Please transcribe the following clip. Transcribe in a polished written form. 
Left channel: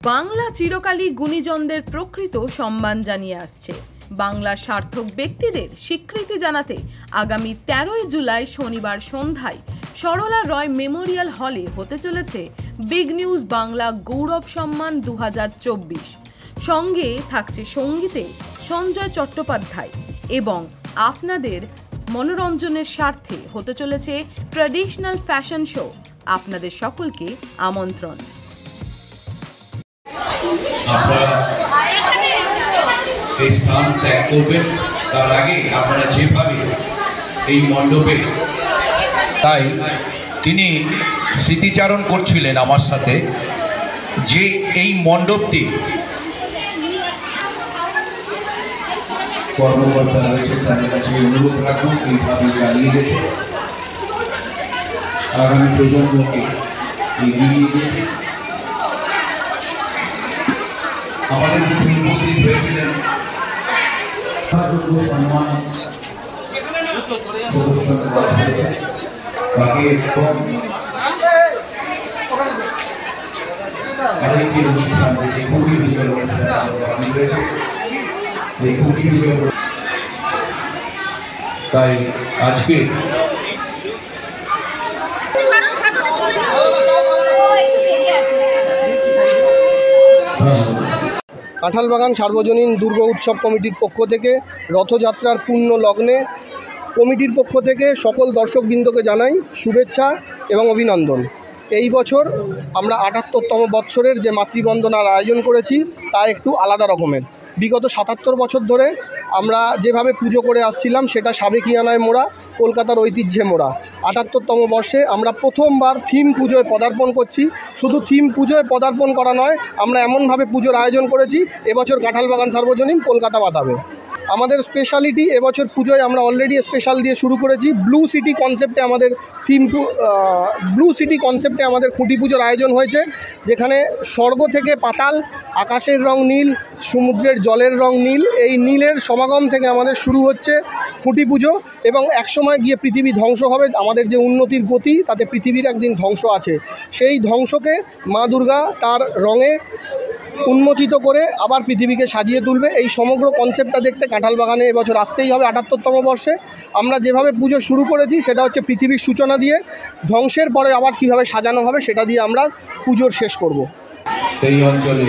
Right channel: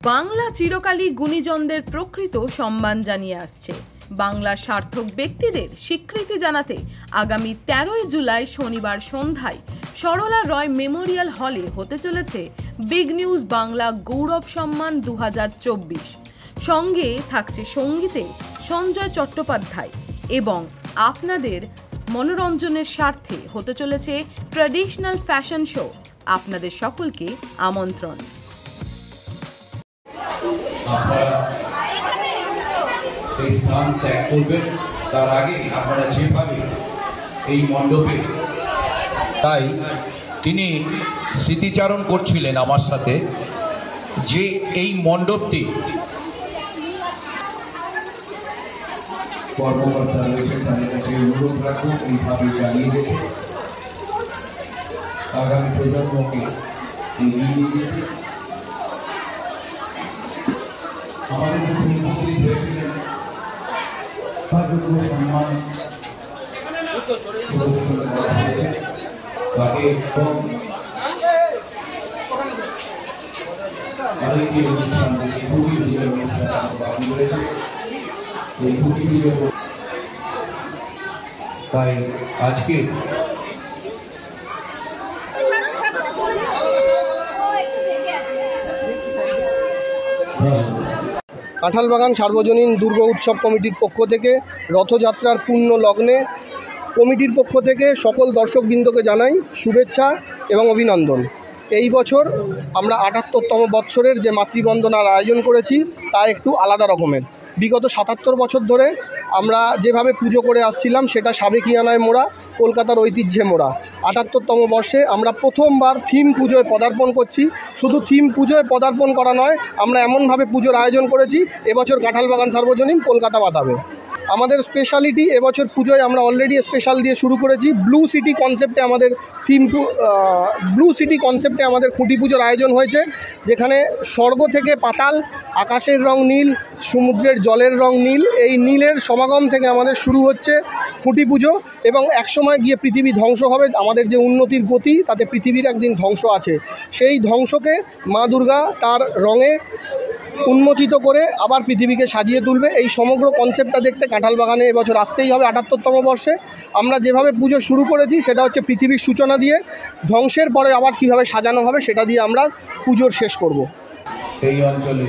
বাংলা চিরকালই গুণীজনদের প্রকৃত সম্মান জানিয়ে আসছে। বাংলার সার্থক ব্যক্তিদের স্বীকৃতি জানাতে আগামী 13ই জুলাই শনিবার সন্ধ্যায় সরলা রয় মেমোরিয়াল হলে হতে চলেছে বিগ নিউজ বাংলা গৌরব সম্মান 2024। সঙ্গে থাকছে সঙ্গীতে সঞ্জয় চট্টোপাধ্যায় এবং আপনাদের মনোরঞ্জনের স্বার্থে হতে চলেছে ট্র্যাডিশনাল ফ্যাশন শো। আপনাদের সকলকে আমন্ত্রণ। আপনারা এই স্থান ত্যাগ করবেন, তার আগে আপনারা যেভাবে এই মণ্ডপে, তাই তিনি স্মৃতিচারণ করছিলেন আমার সাথে যে এই মণ্ডপটি কর্মকর্তা রয়েছে তাদের কাছে অনুরোধ রাখুন এইভাবে চালিয়ে রেখে আগামী প্রজন্মকে এগিয়ে যেতে। আমাদের মধ্যে উপস্থিত হয়েছিলেন সম্মান আরেকটি অনুষ্ঠান খুবই বিজয় অনুষ্ঠান রয়েছে। তাই আজকে কাঁঠালবাগান সার্বজনীন দুর্গা উৎসব কমিটির পক্ষ থেকে রথযাত্রার পূর্ণ লগ্নে কমিটির পক্ষ থেকে সকল দর্শকবৃন্দকে জানাই শুভেচ্ছা এবং অভিনন্দন। এই বছর আমরা ৭৮তম বৎসরের যে মাতৃবন্দনার আয়োজন করেছি তা একটু আলাদা রকমের। বিগত ৭৭ বছর ধরে আমরা যেভাবে পুজো করে আসছিলাম সেটা সাবেকিয়ানায় মোড়া, কলকাতার ঐতিহ্যে মোড়া। ৭৮তম বর্ষে আমরা প্রথমবার থিম পুজোয় পদার্পণ করছি। শুধু থিম পুজোয় পদার্পণ করা নয়, আমরা এমনভাবে পুজোর আয়োজন করেছি এবছর কাঁঠালবাগান সার্বজনীন কলকাতা মাতাবে। আমাদের স্পেশালিটি এবছর পুজোয় আমরা অলরেডি স্পেশাল দিয়ে শুরু করেছি। ব্লু সিটি কনসেপ্টে আমাদের ব্লু সিটি কনসেপ্টে আমাদের খুঁটি পুজোর আয়োজন হয়েছে, যেখানে স্বর্গ থেকে পাতাল, আকাশের রং নীল, সমুদ্রের জলের রং নীল, এই নীলের সমাগম থেকে আমাদের শুরু হচ্ছে খুঁটি পুজো। এবং একসময় গিয়ে পৃথিবী ধ্বংস হবে, আমাদের যে উন্নতির গতি তাতে পৃথিবীর একদিন ধ্বংস আছে। সেই ধ্বংসকে মা দুর্গা তার রঙে উন্মোচিত করে আবার পৃথিবীকে সাজিয়ে তুলবে। এই সমগ্র কনসেপ্টটা দেখতে কাঁঠালবাগানে এবছর আসতেই হবে। ৭৮তম বর্ষে আমরা যেভাবে পুজো শুরু করেছি সেটা হচ্ছে পৃথিবীর সূচনা দিয়ে, ধ্বংসের পরে আবার কীভাবে সাজানো হবে সেটা দিয়ে আমরা পুজোর শেষ করব। এই অঞ্চলে